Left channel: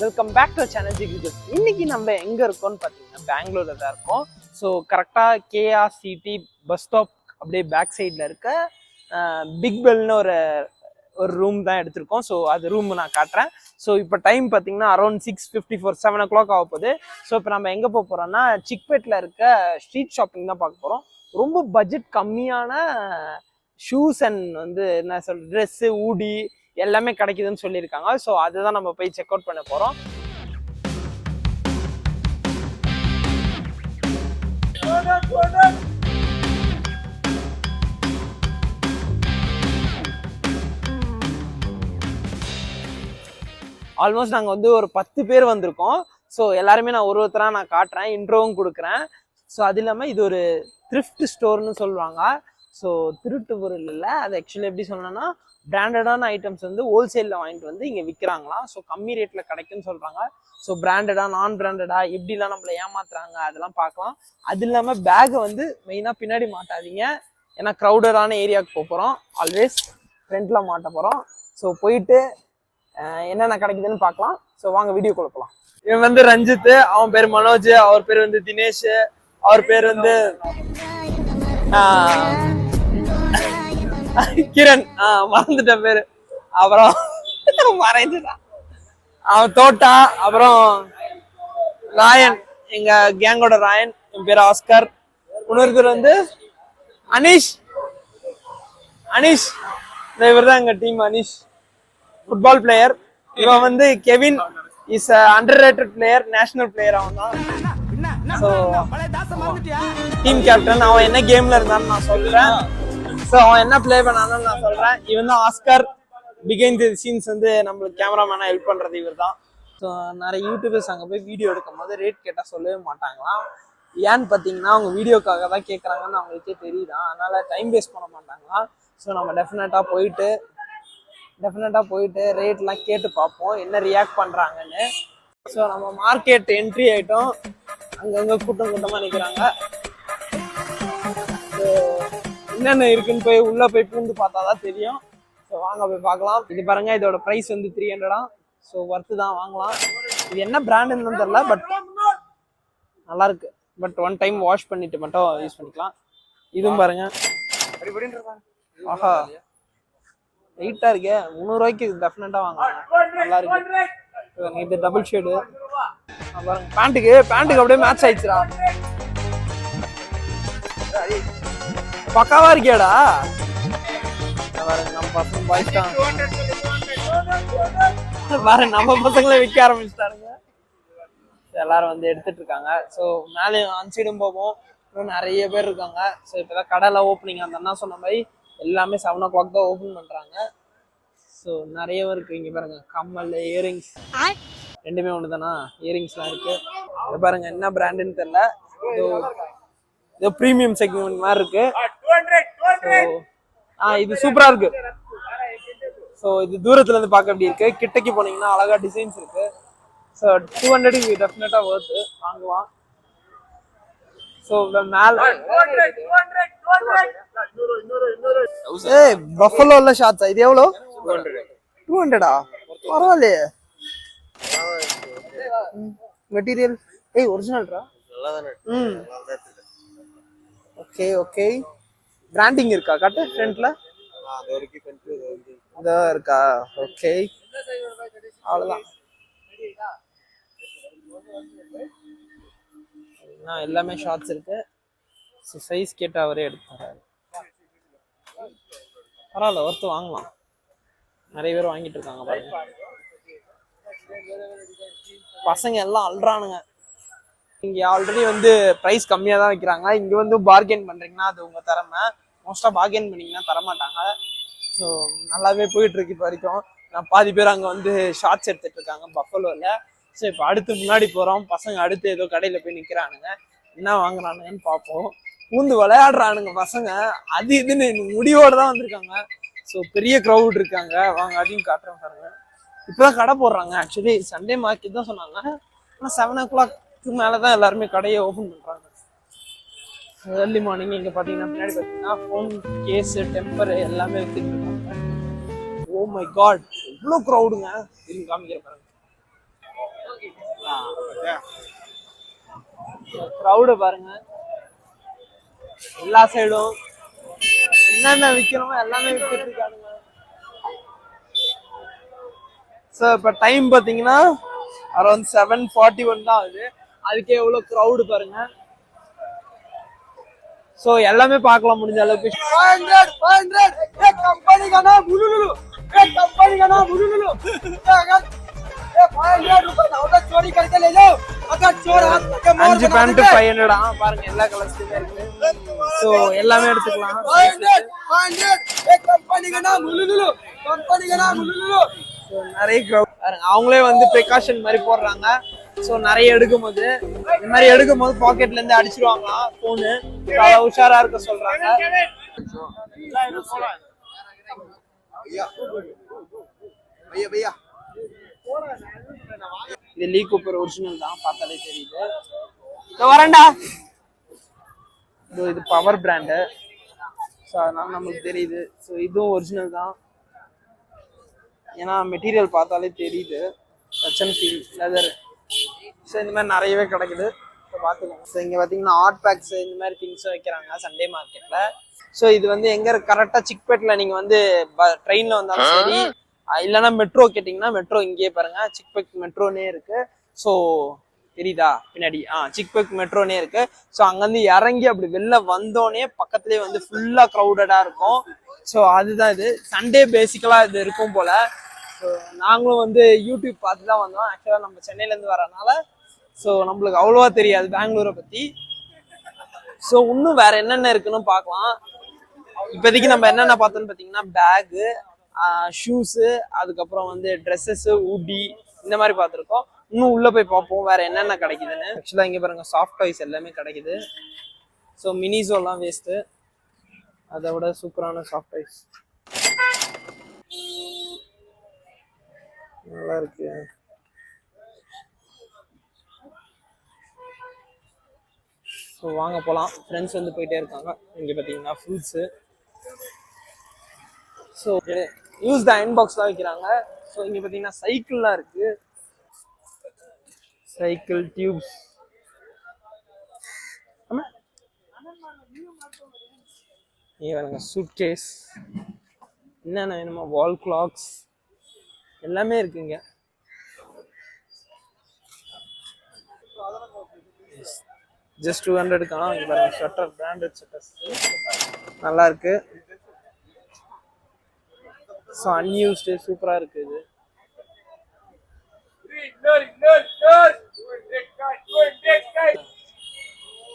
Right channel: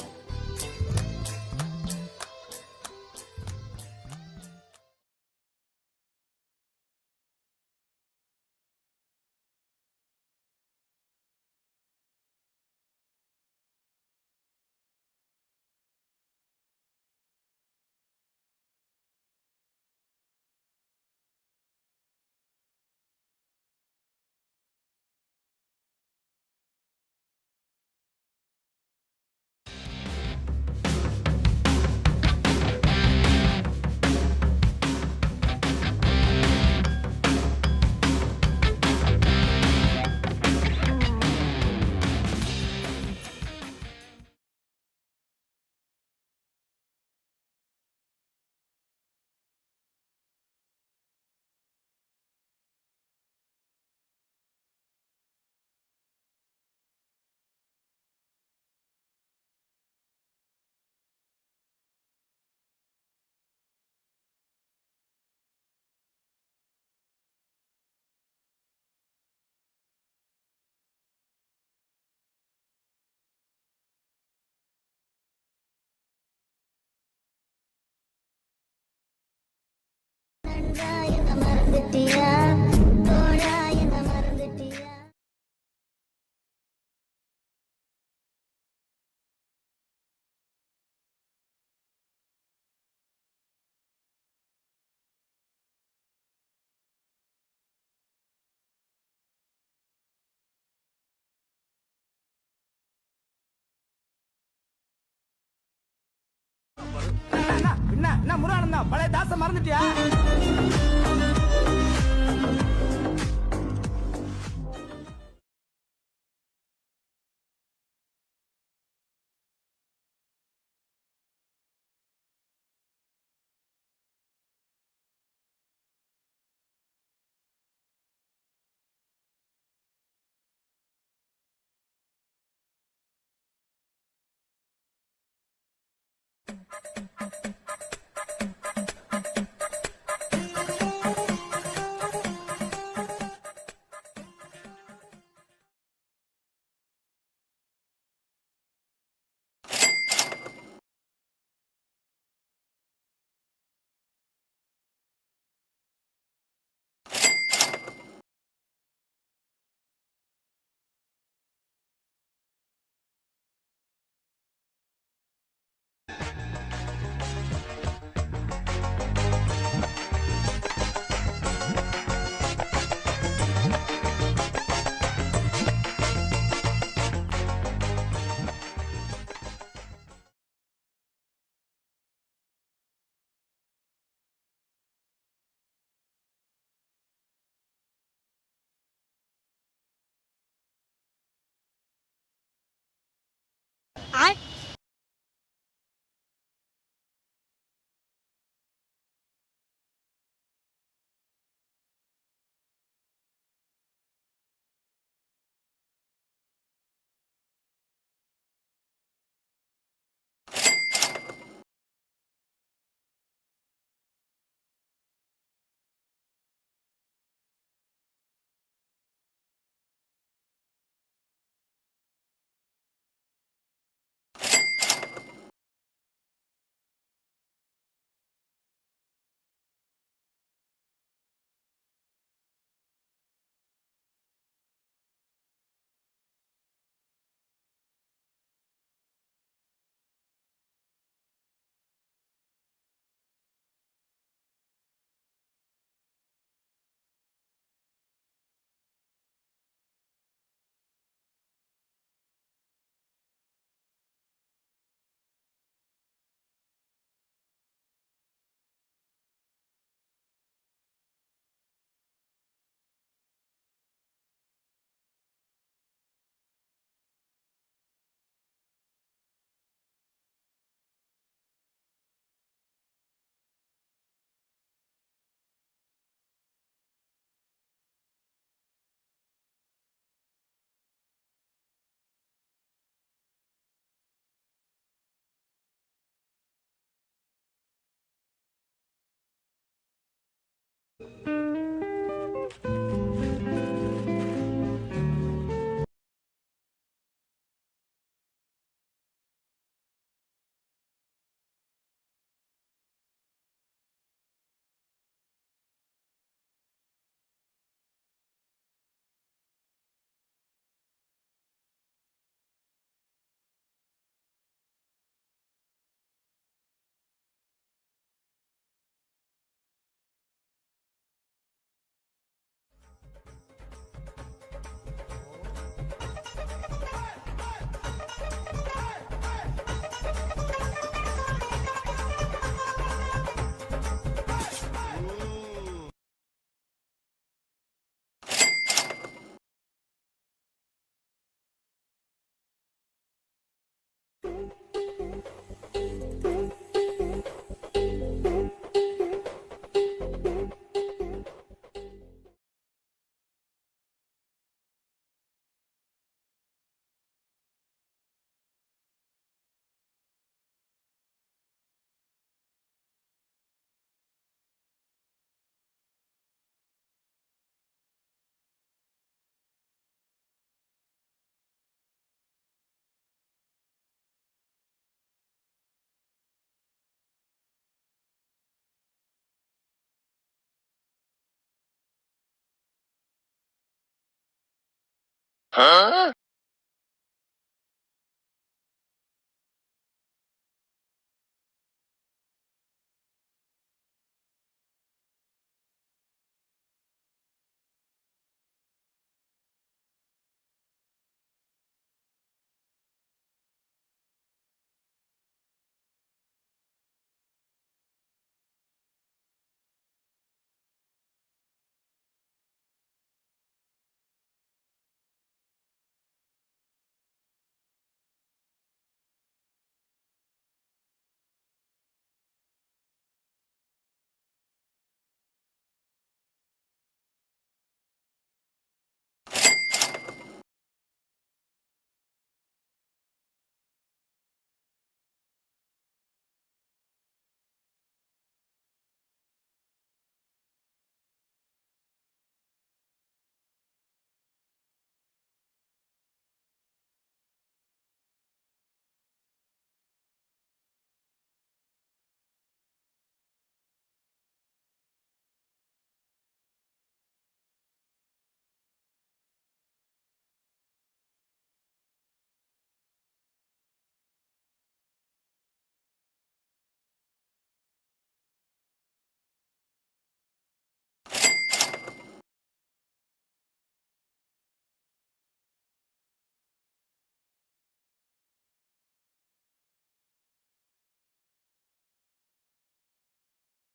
Welcome back to channel ஜிகிஜி. இன்னைக்கு நம்ம எங்க இருக்கோம்னு பார்த்தீங்கன்னா பெங்களூர்ல தான் இருக்கோம். ஸோ கரெக்டாக கேஆர்சிடி பஸ் ஸ்டாப் அப்படியே பேக் சைடில் இருக்க பிக் பெல்னு ஒரு ரூம் தான் எடுத்திருக்கோம். ஸோ அது ரூம் நான் காட்டுறேன். ஸோ இப்போ டைம் பார்த்தீங்கன்னா அரௌண்ட் 6:54 7 o'clock ஆக போகுது. ஸோ இப்போ நம்ம எங்கே போக போகிறோம்னா சிக்பேட்டில் இருக்க ஸ்ட்ரீட் ஷாப்பிங் தான் பார்க்க போகிறோம். ரொம்ப பட்ஜெட் கம்மியான ஷூஸ் அண்ட் என்ன சொல்ற ட்ரெஸ்ஸு ஊடி எல்லாமே கிடைக்குதுன்னு சொல்லியிருக்காங்க. ஸோ அதுதான் நம்ம போய் செக் அவுட் பண்ண போகிறோம். ஆல்மோஸ்ட் நாங்கள் ஒரு 10 பேர் வந்திருக்கோம். ஸோ எல்லாருமே நான் ஒருத்தராக நான் காட்டுறேன், இன்ட்ரோவும் கொடுக்குறேன். ஸோ அது இல்லாமல் இது ஒரு த்ரிஃப்ட் ஸ்டோர்னு சொல்லுவாங்க. ஸோ திருட்டு பொருள் இல்லை, அது ஆக்சுவலி எப்படி சொல்லணும்னா பிராண்டடான ஐட்டம்ஸ் ஹோல்சேலில் வாங்கிட்டு இங்கே விற்கிறாங்களாம். ஸோ கம்மி ரேட்டில் கிடைக்குன்னு சொல்கிறாங்க. ஸோ பிராண்டடா நான் பிராண்டடா எப்படிலாம் நம்மளை ஏமாத்துறாங்க அதெல்லாம் பார்க்கலாம். அது இல்லாமல் பேகை மெயினாக பின்னாடி மாட்டாதீங்க, ஏன்னா க்ரௌடடான ஏரியாவுக்கு போகிறோம். ஆல்வேஸ் ஃப்ரண்ட்டில் மாட்ட போகிறோம். ஸோ போயிட்டு என்னென்ன கிடைக்குதுன்னு பார்க்கலாம். ஸோ வாங்க வீடியோ கொடுக்கலாம். இவன் ரஞ்சித், அவன் பேர் மனோஜ், அவர் பேர் தினேஷ், அவர் பேர் கிரண், மறந்துட்ட பேரு, அப்புறம் மறைஞ்சுட்டான். அவன் தோட்டா, அப்புறம் ராயன், எங்க கேங்கோட ராயன், என் பேர் ஆஸ்கர். இன்னொருத்தர் அனீஷ். இவர் தான் எங்க டீம் அனீஷ், ஃபுட்பால் பிளேயர். இவன் Kevin, is under rated player, national player. அவன் தான் டீம் கேப்டன். அவன் என்ன கேம்ல இருந்தான்னு நான் சொல்றேன். ஸோ அவன் என்ன பிளே பண்ணான்னு நான் சொல்றேன். இவன் தான் ஆஸ்கர். பிகைண்ட் தி சீன்ஸ் நம்மளுக்கு கேமராமேனா ஹெல்ப் பண்றது இவர் தான். ஸோ நிறைய யூடியூபர்ஸ் அங்கே போய் வீடியோ எடுக்கும் போது ரேட் கேட்டால் சொல்லவே மாட்டாங்களாம். ஏன்னு பார்த்தீங்கன்னா அவங்க வீடியோக்காக தான் கேட்குறாங்கன்னு அவங்களுக்கே தெரியுதான், அதனால டைம் வேஸ்ட் பண்ண மாட்டாங்களாம். ஸோ நம்ம டெஃபினட்டாக போயிட்டு ரேட்லாம் கேட்டு பார்ப்போம் என்ன ரியாக்ட் பண்ணுறாங்கன்னு. ஸோ நம்ம மார்க்கெட் என்ட்ரி ஆகிட்டோம். அங்கங்கே கூட்டமாக நிற்கிறாங்க. என்னென்ன இருக்குன்னு போய் உள்ளே போய் பூந்து பார்த்தா தான் தெரியும். ஸோ வாங்க போய் பார்க்கலாம். இது பாருங்க, இதோட ப்ரைஸ் 300. ஸோ ஒர்த்து தான், வாங்கலாம். இது என்ன பிராண்டுன்னு தெரியல, பட் நல்லா இருக்கு. பட் ஒன் டைம் வாஷ் பண்ணிட்டு மட்டும் யூஸ் பண்ணிக்கலாம். இதுவும் பாருங்க, ஆஹா வெயிட்டா இருக்கே. 300 ரூபாய்க்கு டெஃபினட்டா வாங்கலாம், நல்லா இருக்கு. இது டபுள் ஷேடு. பேண்ட்டுக்கு அப்படியே மேட்ச் ஆயிடுச்சுடா, பக்காவா இருக்கேடா. நம்ம பசங்களே விற்க ஆரம்பிச்சிட்டாருங்க. எல்லாரும் எடுத்துட்டு இருக்காங்க. ஸோ மேலே அன்சைடும் போவோம், இன்னும் நிறைய பேர் இருக்காங்க. ஸோ இப்போதான் கடைலாம் ஓப்பனிங். அந்த அண்ணா சொன்ன மாதிரி எல்லாமே 7 o'clock தான் ஓப்பன் பண்றாங்க. ஸோ நிறைய இருக்கு. இங்க பாருங்க, கம்மல், இயரிங்ஸ் ரெண்டுமே ஒன்று தானா. இயரிங்ஸ்லாம் இருக்கு. இதை பாருங்க, என்ன பிராண்டுன்னு தெரியல, இது ப்ரீமியம் செக்மெண்ட் மாதிரி இருக்கு. இது சூப்பரா இருக்கு. ஸோ இது தூரத்துல இருந்து பார்க்க எப்படி இருக்கு, கிட்டக்கு போனீங்கன்னா அழகா டிசைன்ஸ் இருக்கு. ஸோ 200 டெஃபினட்டா ஒர்த்து, வாங்குவான். ஸோ மேல பஃபலோல ஷார்ட்ஸா, இது எவ்வளோ? 200. பரவாயில்லையே. Material ஒரிஜினல்ரா, okay. பிராண்டிங் இருக்கா? காட்டு ஃப்ரண்ட்ல இதோ இருக்கா? ஓகே, அவ்வளவுதான். எல்லாமே ஷார்ட்ஸ் இருக்கு. சைஸ் கேட்டு அவரே எடுத்தாரு. பரவாயில்ல, ஒருத்தர் வாங்கலாம். நிறைய பேர் வாங்கிட்டு இருக்காங்க பாருங்க. பசங்க எல்லாம் அல்றானுங்க. இங்க ஆல்ரெடி பிரைஸ் கம்மியா தான் வைக்கிறாங்க. இங்க பார்கெயின் பண்றீங்கன்னா அது உங்க திறமை. மோஸ்டா பார்கெயின் பண்ணீங்கன்னா தரமாட்டாங்க. ஸோ நல்லாவே போயிட்டு இருக்கு இப்போ வரைக்கும். நான் பாதி பேர் அங்கே ஷார்ட்ஸ் எடுத்துட்டு இருக்காங்க பஃபலோல. ஸோ இப்போ அடுத்து முன்னாடி போறோம். பசங்க அடுத்து ஏதோ கடையில போய் நிக்கிறானுங்க, என்ன வாங்குறானுங்கன்னு பார்ப்போம். பூந்து விளையாடுறானுங்க பசங்க, அது இதுன்னு முடிவோட தான் வந்திருக்காங்க. ஸோ பெரிய க்ரௌட் இருக்காங்க. வாங்க அதையும் காட்டுறேன் பாருங்க. இப்போதான் கடை போடுறாங்க. ஆக்சுவலி சண்டே மார்க்கெட் தான் சொன்னாங்க, ஆனால் 7 o'clock மேலதான் எல்லாருமே கடையை ஓபன் பண்றாங்க. Early morning. இங்க பாத்தீங்கன்னா பின்னாடி பாத்தீங்கன்னா ஃபோன் கேஸ், டெம்பர் எல்லாமே ஓ மை காட், இவ்வளோ க்ரௌடுங்க. இது காமிக்கிற பாருங்க. க்ரௌடு பாருங்க, எல்லா சைடும் என்னென்ன விற்கணுமோ எல்லாமே வித்துட்டு இருக்கானுங்க. ஸோ இப்போ டைம் பார்த்தீங்கன்னா அரௌண்ட் 7:41 தான் ஆகுது. அதுக்கே எவ்வளோ க்ரௌடு பாருங்க. ஸோ எல்லாமே பார்க்கலாம் முடிஞ்ச அளவுக்கு. 500 500 एक कंपनी का नाम बुलुलुलु, एक कंपनी का नाम बुलुलुलु। अगर 500 रुपए ना चोरी करके ले जाओ, अगर चोर हाथ के मार 5 पैंट 500 ஆ பாருங்க, எல்லா கலர்ஸ்லயும் இருக்கு. ஸோ எல்லாமே எடுத்துக்கலாம். 500 500 एक कंपनी का नाम बुलुलुलु, कंपनी का नाम बुलुलुलु। ஸோ நிறைய க்ரௌட் பாருங்க, அவங்களே வந்து ப்ரிகாஷன் மாதிரி போடுறாங்க. ஸோ நிறைய எடுக்கும்போது இந்த மாதிரி எடுக்கும்போது பாக்கெட்ல இருந்து அடிச்சிருவாங்க போனு, அவ்வளோ உஷாரா இருக்க சொல்றாங்க. இது லீ கூப்பர் ஒரிஜினல் தான், பார்த்தாலே தெரியுது. வரேன்டா. இது பவர் பிராண்டு, ஸோ அதனால நமக்கு தெரியுது. ஸோ இதுவும் ஒரிஜினல் தான், ஏன்னா மெட்டீரியல் பார்த்தாலே தெரியுது. லெதர். ஸோ இந்த மாதிரி நிறையவே கிடைக்குது. ஸோ பார்த்துக்கோங்க. ஸோ இங்கே பார்த்தீங்கன்னா ஹாட் பேக்ஸ் இந்த மாதிரி திங்ஸும் வைக்கிறாங்க சண்டே மார்க்கெட்டில். ஸோ இது வந்து எங்கே கரெக்டாக சிக்பேட்டில் நீங்கள் வந்து ட்ரெயினில் வந்தாலும் சரி, இல்லைன்னா மெட்ரோ கேட்டிங்கன்னா மெட்ரோ இங்கேயே பாருங்க, சிக்பேக் மெட்ரோனே இருக்கு. ஸோ தெரியுதா பின்னாடி? சிக்பேக் மெட்ரோனே இருக்கு. ஸோ அங்கேருந்து இறங்கி அப்படி வெளில வந்தோடனே பக்கத்துலேயே வந்து ஃபுல்லாக க்ரௌடடாக இருக்கும். ஸோ அதுதான் இது சண்டே பேசிக்கலாக இது இருக்கும் போல். ஸோ நாங்களும் வந்து யூடியூப் பார்த்து தான் வந்தோம். ஆக்சுவலாக நம்ம சென்னையிலேருந்து வரனால ஸோ நம்மளுக்கு அவ்வளோவா தெரியாது பெங்களூரை பற்றி. ஸோ இன்னும் வேற என்னென்ன இருக்குன்னு பார்க்கலாம். இப்போதைக்கு நம்ம என்னென்ன பார்த்தோன்னு பார்த்தீங்கன்னா பேகு, ஷூஸு, அதுக்கப்புறம் வந்து ட்ரெஸ்ஸஸ்ஸு, ஊட்டி இந்த மாதிரி பார்த்துருக்கோம். இன்னும் உள்ளே போய் பார்ப்போம் வேற என்னென்ன கிடைக்குதுன்னு. ஆக்சுவலாக இங்கே பாருங்க சாஃப்ட் டாய்ஸ் எல்லாமே கிடைக்குது. ஸோ மினிஸோலாம் வேஸ்ட்டு, அதை விட சூப்பரான சாஃப்ட் டாய்ஸ் நல்லா இருக்கு. ஸோ வாங்க போகலாம். ஃப்ரெண்ட்ஸ் வந்து போயிட்டே இருக்காங்க. இங்கே பார்த்தீங்கன்னா fruits. So use the iron பாக்ஸ்லாம் வைக்கிறாங்க. ஸோ இங்கே பார்த்தீங்கன்னா சைக்கிள்லாம் இருக்கு, சைக்கிள் டியூப்ஸ். இங்கே பாருங்க சூட் கேஸ், என்னென்ன வேணுமா வால் கிளாக்ஸ் எல்லாமே இருக்குங்க. ஜஸ்ட் 200க்கான இங்கே பாருங்க ஸ்வெட்டர், பிராண்டட் ஸ்வெட்டர்ஸ் நல்லா இருக்கு. ஸோ அன்யூஸ்டு சூப்பராக இருக்கு இது.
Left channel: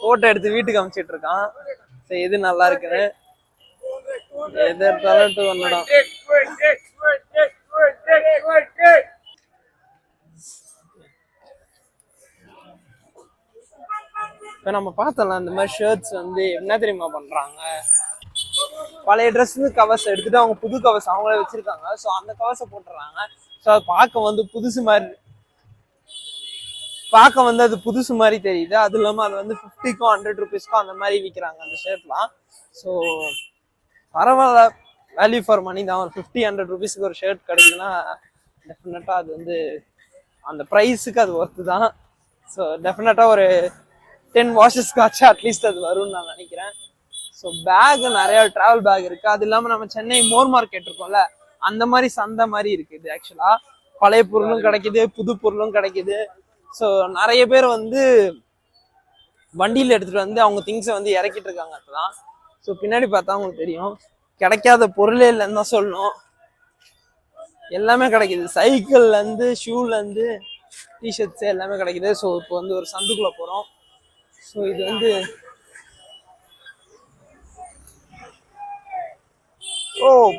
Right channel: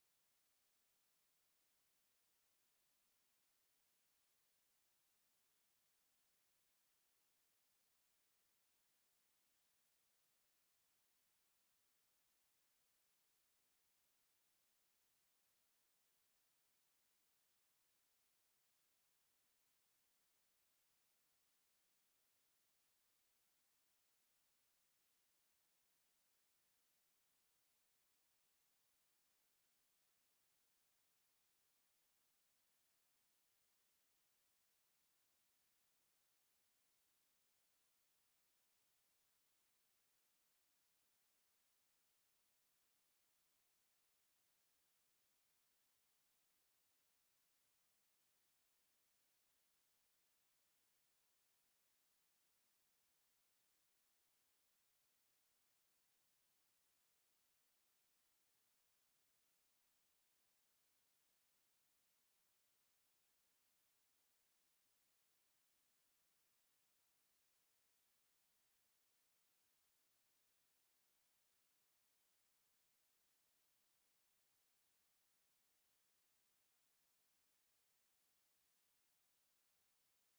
ஃபோட்டோ எடுத்து வீட்டுக்கு அனுப்பிச்சிட்டு இருக்கான். ஸோ எது நல்லா இருக்குன்னு எது எடுத்தாலும் 200 தான். இப்போ நம்ம பார்த்தோம்ல இந்த மாதிரி ஷர்ட்ஸ் வந்து என்ன தெரியுமா பண்ணுறாங்க, பழைய ட்ரெஸ் கவர்ஸ் எடுத்துட்டு அவங்க புது கவர்ஸ் அவங்களே வச்சிருக்காங்க. ஸோ அந்த கவர்ஸை போட்டுறாங்க. ஸோ அது பார்க்க வந்து அது புதுசு மாதிரி தெரியுது. அது இல்லாமல் அது வந்து 50க்கும் 100 ருபீஸ்க்கும் அந்த மாதிரி விற்கிறாங்க அந்த ஷர்ட்லாம். ஸோ பரவாயில்ல, வேல்யூ ஃபார் மணி தான். ஒரு 50-100 ருபீஸ்க்கு ஒரு ஷர்ட் கிடைக்குதுன்னா டெஃபினட்டாக அது வந்து அந்த ப்ரைஸுக்கு அது ஒர்த்து தான். ஸோ டெஃபினட்டாக ஒரு 10 வாஷஸ்க்காச்சும் அட்லீஸ்ட் அது வரும்னு நான் நினைக்கிறேன். ஸோ பேக் நிறைய ட்ராவல் பேக் இருக்கு. அது இல்லாமல் நம்ம சென்னை மோர் மார்க்கெட் இருக்கோம்ல, அந்த மாதிரி சந்தை மாதிரி இருக்குது. ஆக்சுவலா பழைய பொருளும் கிடைக்குது, புது பொருளும் கிடைக்குது. ஸோ நிறைய பேர் வந்து வண்டியில் எடுத்துட்டு வந்து அவங்க திங்ஸை வந்து இறக்கிட்டு இருக்காங்க. அப்பதான் ஸோ பின்னாடி பார்த்தா அவங்களுக்கு தெரியும், கிடைக்காத பொருளே இல்லைன்னு தான் சொல்லணும். எல்லாமே கிடைக்குது, சைக்கிள்ல இருந்து ஷூல இருந்து டிஷர்ட்ஸ் எல்லாமே கிடைக்குது. ஸோ இப்போ வந்து ஒரு சந்துக்குள்ள போறோம். ஸோ இது வந்து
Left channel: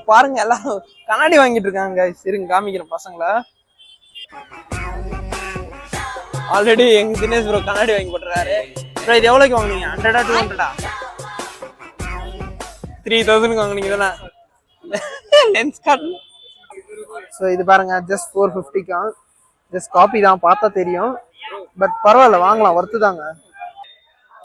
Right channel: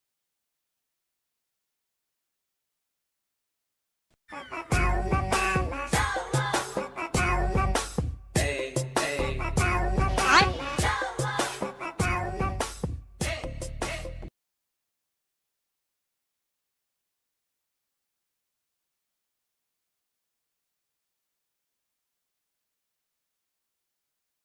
பாருங்க எல்லாரும் கண்ணாடி வாங்கிட்டு இருக்காங்க. சரிங்க காமிக்கிறேன் பசங்களை. ஆல்ரெடி எங்க தினேஷ் ப்ரோ கண்ணாடி வாங்கி போட்டுறாரு. ப்ரோ இது எவ்வளோக்கு வாங்குனீங்க? 100 200 3000 வாங்குனீங்க தானே லென்ஸ் கார்டு. ஸோ இது பாருங்க ஜஸ்ட் 450க்கா. ஜஸ்ட் காப்பி தான், பார்த்தா தெரியும். பட் பரவாயில்ல, வாங்கலாம், ஒர்த்து தாங்க.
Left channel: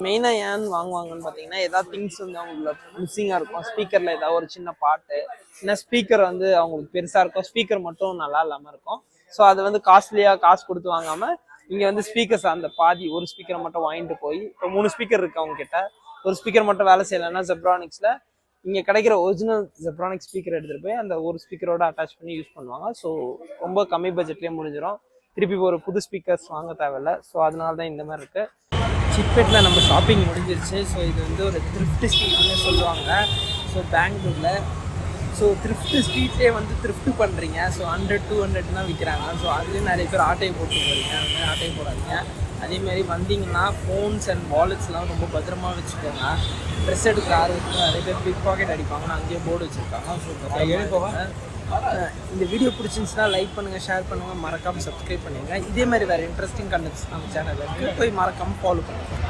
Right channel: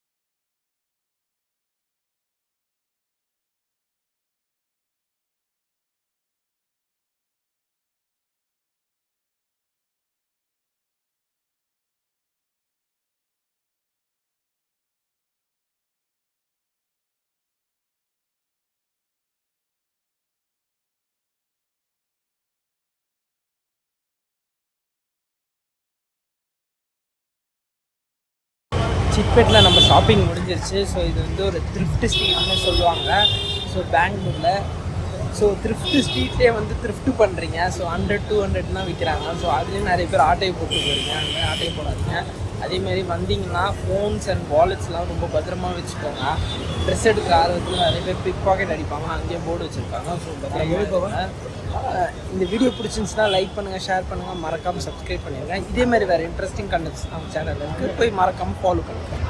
மெயினாக ஏன் வாங்குவாங்கன்னு பார்த்தீங்கன்னா ஏதாவது திங்ஸ் வந்து அவங்களுக்கு மிஸ்ஸிங்காக இருக்கும். ஸ்பீக்கரில் ஏதாவது ஒரு சின்ன பாட்டு, இல்லை ஸ்பீக்கர் வந்து அவங்களுக்கு பெருசாக இருக்கும், ஸ்பீக்கர் மட்டும் நல்லா இல்லாமல் இருக்கும். ஸோ அது வந்து காஸ்ட்லியாக காசு கொடுத்து வாங்காமல் இங்கே வந்து ஸ்பீக்கர்ஸ் அந்த பாதி ஒரு ஸ்பீக்கரை மட்டும் வாங்கிட்டு போய் இப்போ 3 ஸ்பீக்கர் இருக்குது அவங்க கிட்ட. ஒரு ஸ்பீக்கர் மட்டும் வேலை செய்யலைன்னா ஜெப்ரானிக்ஸில் இங்கே கிடைக்கிற ஒரிஜினல் ஜெப்ரானிக் ஸ்பீக்கர் எடுத்துகிட்டு போய் அந்த ஒரு ஸ்பீக்கரோட அட்டாச் பண்ணி யூஸ் பண்ணுவாங்க. ஸோ ரொம்ப கம்மி பட்ஜெட்லேயே முடிஞ்சிடும். திருப்பி ஒரு புது ஸ்பீக்கர்ஸ் வாங்க தேவையில்லை. ஸோ அதனால தான் இந்த மாதிரி இருக்குது. சிக்பெட்டில் நம்ம ஷாப்பிங் முடிஞ்சிருச்சு. ஸோ இது வந்து ஒரு த்ரிஃப்ட் ஸ்ட்ரீட்னு சொல்லுவாங்க. ஸோ பெங்களூரில் ஸோ த்ரிஃப்ட் ஸ்ட்ரீட்லேயே வந்து த்ரிஃப்ட் பண்ணுறீங்க. ஸோ 100-200 தான் விற்கிறாங்க. ஸோ அதுலேயும் நிறைய பேர் ஆட்டையை போட்டு போகிறீங்க. அந்த மாதிரி ஆட்டையை போடாதீங்க. அதேமாரி வந்தீங்கன்னா ஃபோன்ஸ் அண்ட் வாலெட்ஸ்லாம் ரொம்ப பத்திரமா வச்சுக்கோங்க. ட்ரெஸ் எடுக்கிற ஆர்வத்தில் நிறைய பேர் பிக் பாக்கெட் அடிப்பாங்கன்னு அங்கேயே போர்டு வச்சுருக்காங்க. ஸோ பத்திரமா இருங்க. இந்த வீடியோ பிடிச்சிருந்துச்சுன்னா லைக் பண்ணுங்கள், ஷேர் பண்ணுங்கள், மறக்காமல் சப்ஸ்கிரைப் பண்ணிடுங்க. இதே மாதிரி வேறு இன்ட்ரெஸ்டிங் கண்டென்ட்ஸ் நம்ம சேனலில் இருக்குது, போய் மறக்காமல் ஃபாலோ பண்ணிக்கோங்க.